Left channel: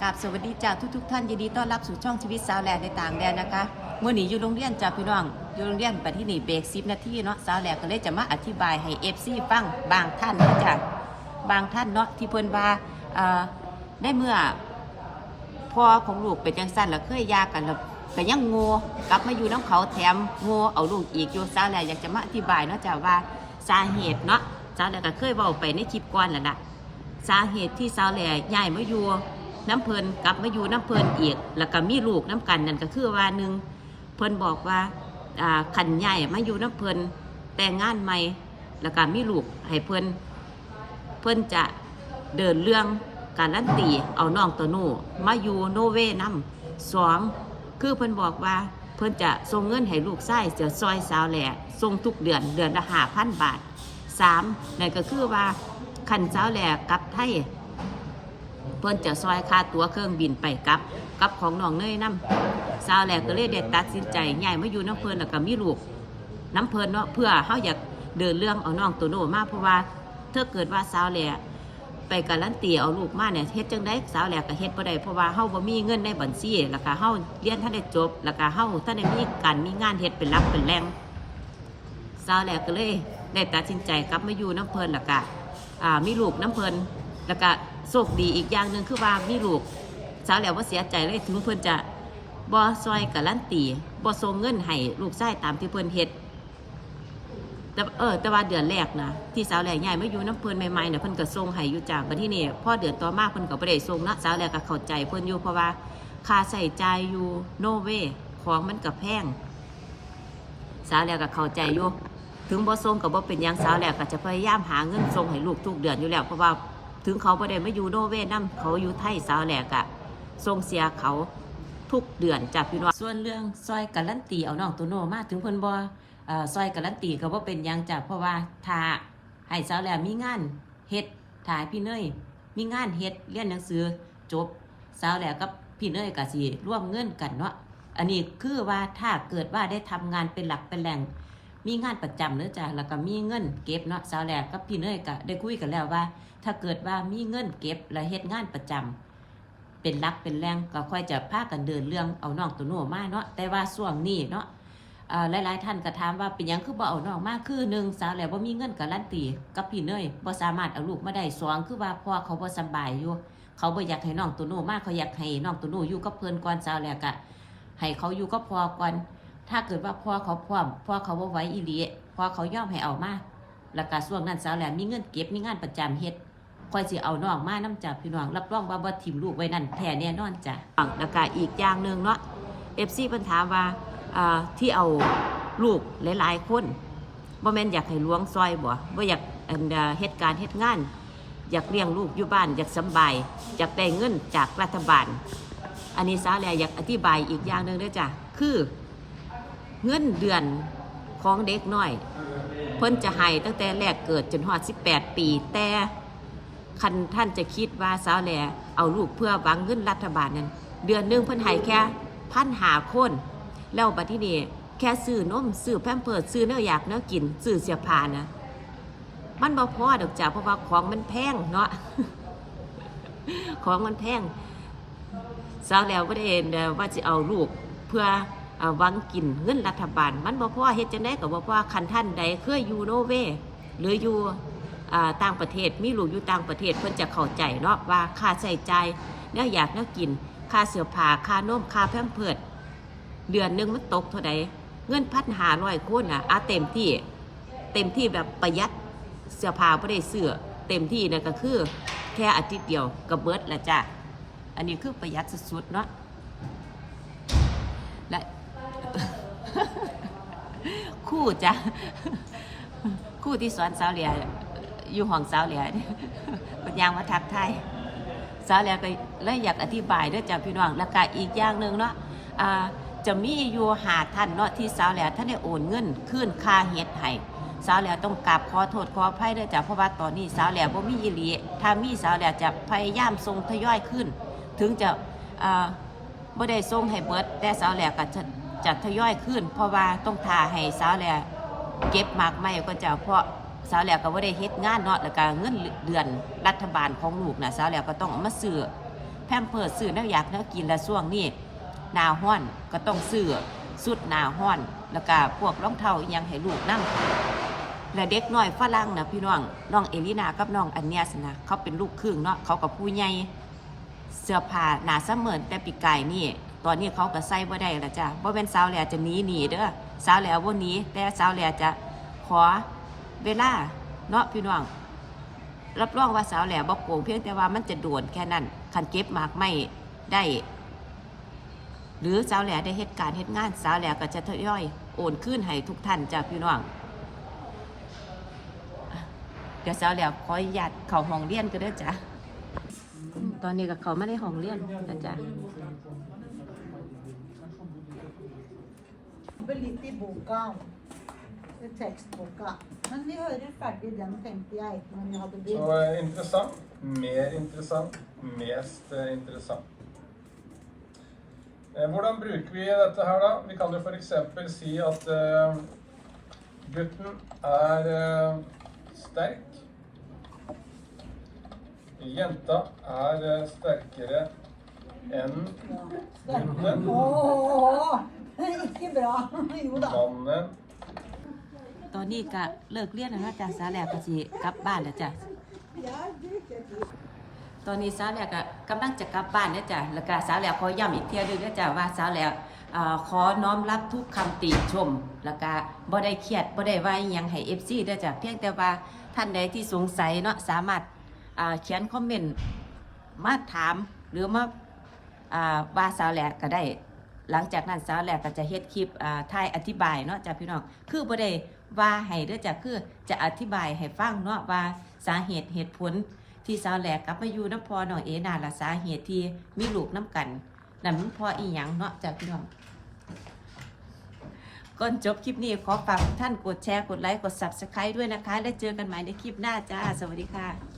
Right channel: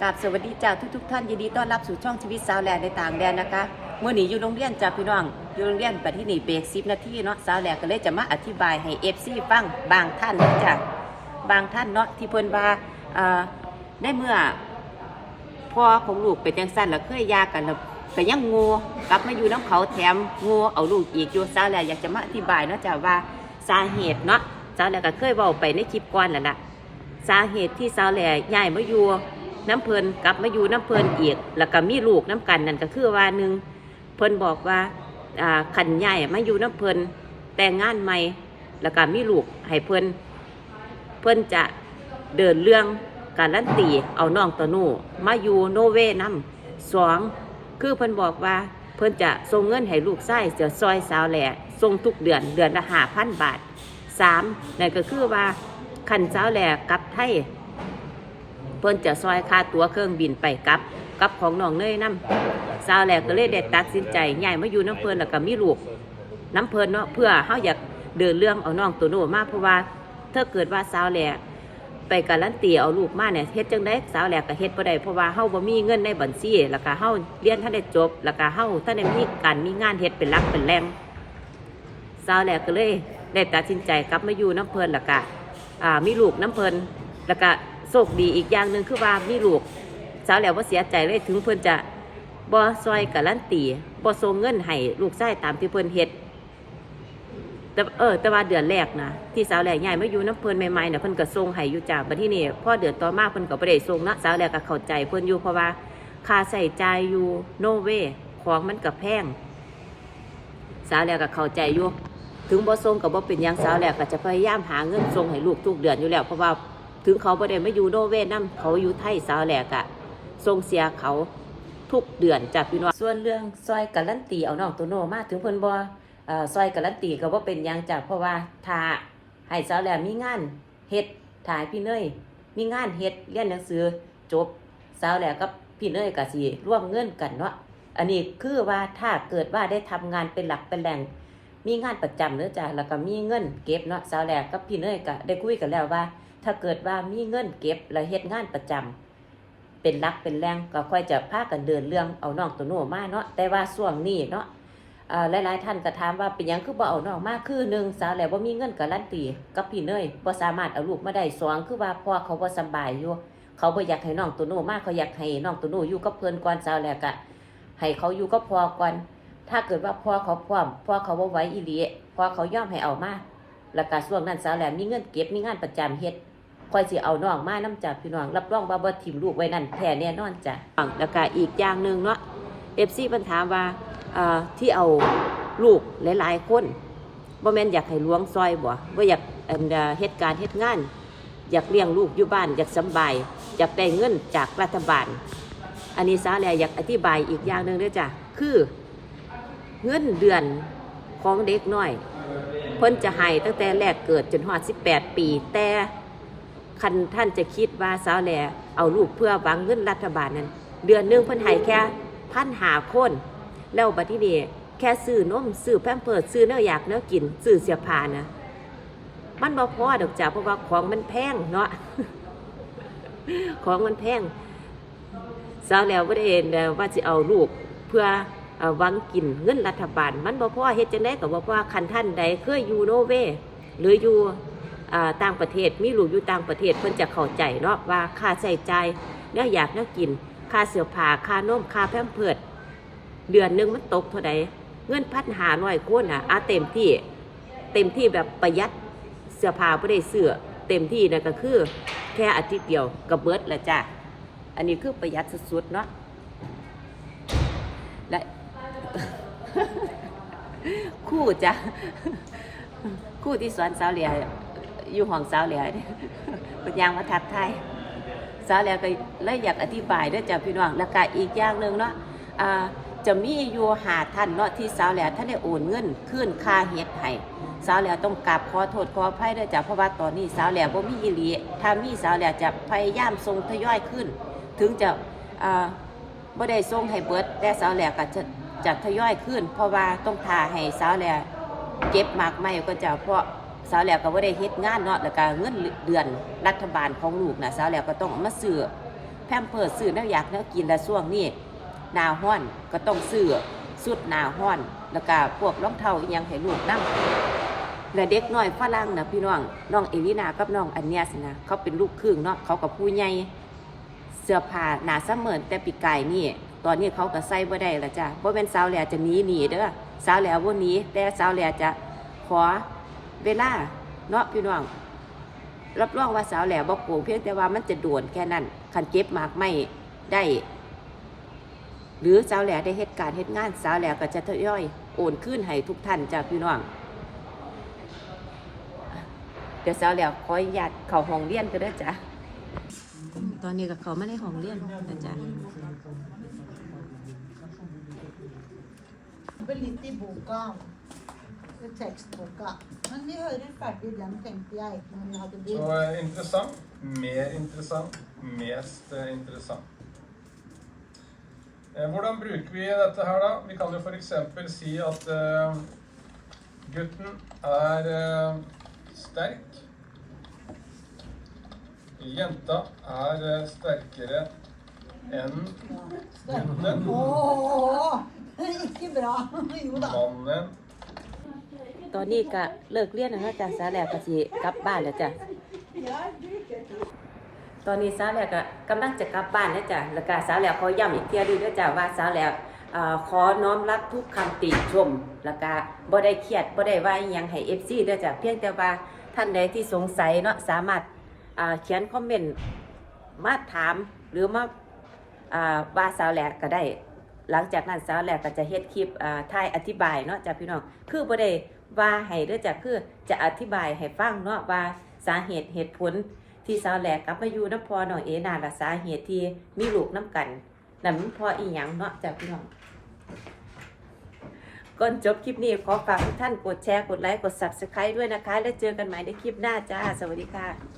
กราบสวัสดีจ้าทุกทุกๆท่านยินดีต้อนรับสู่ช่องชีวิตสาวแหลกในต่างแดนนะคะเมื่อนี้อยู่โรงเรียนจ้าพี่น้องอยู่โรงเรียนปัจจุบันเบรกสิบนาทีเนาะสาวแหลกก็เลยจะมาอธิบายให้เอฟซีฟังบางท่านนะจ้าบางท่านเนาะที่เพิ่นว่าอ่าได้เมื่อพ่อของลูกเป็นจังสั้นแล้วเคยยากันแล้วก็ยังงูกลับมาอยู่น้ำเขาแถมงูเอาลูกอีกอยู่สาวแหลกอยากจะมาอธิบายเนาะจ้าว่าสาเหตุเนาะสาวแหลกก็เคยเว้าไปในคลิปก่อนนั่นแหละสาเหตุที่สาวแหล่ย้ายมาอยู่ น้ำเพลินกลับมาอยู่น้ำเพลินอีกแล้วก็มีลูกน้ำกันนั่นก็คือว่าหนึ่งเพิ่นบอกว่าขันย้ายมาอยู่น้ำเพลินแต่งงานใหม่แล้วก็มีลูกให้เพิ่นเพิ่นจะเดินเรื่องการลันตีเอาน้องตัวนูมาอยู่โนเวน้ำสองคือเพิ่นบอกว่าเพิ่นจะส่งเงินให้ลูกไส้เสือซอยสาวแหล่ส่งทุกเดือนเดือนละห้าพันบาทสามนั่นก็คือว่าขันเจ้าแหลกกลับไทย เพิ่นจะซอยค่าตั๋วเครื่องบินไปกลับกับของน้องเนยน้ำสาวแหลกก็เลยได้ตัดสินใจใหญ่มาอยู่น้ำเพลินแล้วก็มีลูกน้ำเพลินเนาะเพื่อเฮาอยากเดินเรื่องเอาน้องตัวโน้มาเพราะว่าถ้าเกิดว่าสาวแหลกไปการันตีเอาลูกมาเนี่ยเฮ็ดจังได้สาวแหลกก็เฮ็ดบ่ได้เพราะว่าเฮาบ่มีเงินในบัญชีแล้วก็เฮาเรียนท่านได้จบแล้วก็เฮาท่านได้มีการมีงานเฮ็ดเป็นหลักเป็นแหล่งสาวแหลกก็เลยได้ตัดสินใจกลับมาอยู่น้ำเพลินแล้วก็อ่ามีลูกน้ำเพลินแล้วก็ โชคดีอีกอย่างหนึ่งคือว่ามีลูกสาวแล้วว่าเสียใจเลยถึงเพิ่อนจะบ่ซอยกับลันตีบ่ส่งเงินให้ลูกชายตามที่เพิ่อนเฮ็ดแต่เออแต่ว่าเดือนแรกนะที่สาวแหลกใหญ่ไมาอยู่น้ำเพลินใหม่ๆเนี่ยเพิ่นก็ส่งให้อยู่จากบัดที่นี่พ่อเดือนต่อมาเพิ่นก็บ่ได้ส่งนะสาวแหลกก็เข้าใจเพิ่นอยู่เพราะว่าค่าใช้จ่ายอยู่โนเวของมันก็แพงสาวแหลกก็เข้าใจอยู่ถึงบ่ส่งกับบ่เป็นยังสาวแหลกก็จะพยายามหาเงินส่งให้ลูกทุกเดือนอยู่แล้วเพราะว่า ถึงเขาบ่ได้มาอยู่โนเวทนํเขาอยู่ไทยสาวแหลกอะส่งเสียเขาทุกเดือนจากพี่น้องส่วนเรื่องซอยการันตีเอาน้องตัวโนมาถึงเพิ่นบ่เอ่อซอยการันตีก็บ่เป็นยังจ้ะเพราะว่าถ้าให้สาวแหลกมีงานเฮ็ดถ่ายพี่เนยมีงานเฮ็ดเรียนหนังสือจบสาวแหลกกับพี่เนยก็สิร่วมเงินกันเนาะอันนี้คือว่าถ้าเกิดว่าได้ทำงานเป็นหลักเป็นแหล่งมีงานประจำเนื้อจ้ะแล้วก็มีเงินเก็บเนาะสาวแหลกกับพี่เนยก็ได้คุยกันแล้วว่า ถ้าเกิดว่ามีเงินเก็บแล้วเฮ็ดงานประจำเป็นหลักเป็นแรงก็ค่อยจะพากันเดินเรื่องเอาน้องตัวโน้มาเนาะแต่ว่าช่วงนี้เนาะอ่าหลายๆท่านก็ถามว่าเป็นยังคือบ่เอาน้องมาคือหนึ่งสาวแหลกบ่ามีเงินการันตีกับพี่เนยบ่สามารถเอาลูกมาได้สองคือว่าพ่อเขาบ่สบายอยู่เขาบ่อยากให้น้องตัวโน้มากเขาอยากให้น้องตัวโน้อยู่กับเพิ่นก่อนสาวแหลกอะให้เขาอยู่กับพ่อก่อนถ้าเกิดว่าพ่อเขาพร้อมพ่อเขาบ่ไหวอีหลีพ่อเขายอมให้เอามาแล้วก็ช่วงนั้นสาวแหลมมีเงินเก็บมีงานประจำเฮ็ด คอยสิเอาน้องมานํจากพี่น้อง รับรองว่าบ่ถิ่มลูกไว้นั่นแท้แน่นอนจ้ะแล้วก็อีกอย่างหนึ่งเนาะ FC เพิ่นถาว่าที่เอาลูกหลายๆคนบ่แม่นอยากให้ล้วงซอยบ่บ่อยากอันเอ่อเฮ็ดการณ์เฮ็ดงาน อยากเลี้ยงลูกอยู่บ้าน อยากสบาย อยากได้เงินจากรัฐบาล อันนี้สาวแลอยากอธิบายอีกอย่างหนึ่งด้อจ้ะ คือเงินเดือนของเด็กน้อย เพิ่นจะให้ตั้งแต่แรกเกิดจนหอด18 ปีแต่ คันท่านจะคิดว่าสาวแหล่เอาลูกเพื่อหวังเงินรัฐบาลนั้น เดือนหนึงเพิ่นให้แค่พันหาคน แล้วบัดที่นี่แค่ซื้อนมซื้อแพมเพิร์สซื้อเนื้ออยากเนื้อกินซื้อเสื้อผ้านะ มันบ่พอดอกจ้ะเพราะว่าของมันแพงเนาะของมันแพงสาวแล้วบ่ได้เห็นว่าจะเอาลูกเพื่อวังกินเงินรัฐบาล มันบ่พอเฮ็ดจังได๋ก็บ่พอคันท่านใดเคยอยู่โนเวหรืออยู่ ต่างประเทศมีลูกอยู่ต่างประเทศเพิ่นจะเข้าใจเนาะว่าค่าใช้จ่ายแล้วอยากน่ากิน ค่าเสื้อผ้าค่านมค่าแพมเพิร์สเดือนหนึงมันตกเท่าใดเงินพันหาร้อยคนน่ะอาเต็มที่ เต็มที่แบบประหยัดเสื้อผ้าบ่ได้เสื้อเต็มที่นั่นก็คือแค่อาทิตย์เดียวก็เบิดแหล้วจ้ะอันนี้คือประหยัดสุดๆเนาะและคู่จ้ะคู่ที่สอนสาวเลีย อยู่ห้องสาวเหลียเนี่ยเป็นยางมาทักทายสาวเหลียก็เลยอยากอธิบายด้วยจ้ะพี่น้องแล้วก็อีกอย่างหนึ่งเนาะจะมีอยู่หาท่านเนาะที่สาวเหลียท่านได้โอนเงินขึ้นค่าเฮ็ดให้สาวเหลียต้องกราบขอโทษขออภัยด้วยจ้ะเพราะว่าตอนนี้สาวเหลียบ่มีอีหลีถ้ามีสาวเหลียจะพยายามส่งทยอยขึ้น ถึงจะบ่ได้ส่งให้เบิดแต่สาวแหลกก็จะจะทยอยขึ้น เพราะว่าต้องทาให้สาวแหลกเก็บหมากไม่ก็จะเพราะ สาวแหลกก็บ่ได้เฮ็ดงานเนาะแล้วก็เงินเดือนรัฐบาลของลูกนะสาวแหลกก็ต้องเอามาซื้อแพมเพิร์สซื้อแนวอยากแนวกินและช่วงนี้หนาห้อนก็ต้องซื้อสุดหนาห้อน แล้วก็พวกรองเท้ายังให้ลูกนั่งและเด็กน้อยฝรั่งนะพี่น้องน้องเอลินากับน้องอันเนียสนะเขาเป็นลูกครึ่งเนาะเขากับผู้ใหญ่เสื้อผ้าหนาเสมอแต่ปีกายนี่ ตอนนี้เขาก็ใส่บ่ได้ละจ้ะบ่เป็นสาวแหล่จะหนีหนีเด้อสาวแหล่บ่หนีแต่สาวแหล่จะขอ เวลาเนาะพี่น้อง รับรองว่าสาวแหล่บ่โกงเพียงแต่ว่ามันจะโดวนแค่นั้นคันเก็บมากไม่ได้ หรือสาวแหล่ได้เหตุการณ์เหตุงานสาวแหล่ก็จะทยอยโอนขึ้นให้ทุกท่านจ้าพี่น้องเดี๋ยวสาวแหล่ขออนุญาตเข้าห้องเรียนก็ได้จ้ะตอนนี้ก็เขาไม่ได้ห้องเรียนนะจ๊ะ jobbe litt i boka. I tekstboka. Men vi hører ferdig den, tenkte jeg. Når vi hadde Så begynt. eh, interessant. Mer interessant. Mest eh, interessant. Eh, Hvordan bruker vi dette her, da? Vi kan jo f.eks. si at gutten er sterk. Jenta er sterkere enn gutten. Ikke bra. Jo da. Mannen ตอนนี้ก็เลิกเรียนแล้วจ้ะสาแหล่ก็สิกลับบ้านแล้วจ้ะตอนนี้สาวแหล่ก็กำลังจะกลับบ้านแล้วจ้ะแล้วก็สาวแหล่ขอย้ำอีกเทียด้วยนะจ้ะว่าสาวแหล่อ่าขอน้อมรับทุกคำติชม แล้วก็บ่ได้เครียดบ่ได้ว่ายังให้ FC ด้วยจ้ะเพียงแต่ว่าท่านใดที่สงสัยเนาะสามารถเขียนคอมเมนต์มาถามหรือมาว่าสาวแหล่ก็ได้ หลังจากนั้นสาวแหลกก็จะเฮ็ดคลิปอ่าถ่ายอธิบายเนาะจ้ะพี่น้องคือบ่ได้ ว่าให้ด้วยจากคือจะอธิบายให้ฟังเนาะว่าสาเหตุเหตุผลที่สาวแหลกกลับมาอยู่น้ำพอน้องเอนาละสาเหตุที่มีลูกน้ำกันนั่นมันพออีหยังเนาะจากพี่น้องก่อนจบคลิปนี้ขอฝากทุกท่านกดแชร์ กดไลค์ กด Subscribe ด้วยนะคะ แล้วเจอกันใหม่ในคลิปหน้าจ้า สวัสดีค่ะ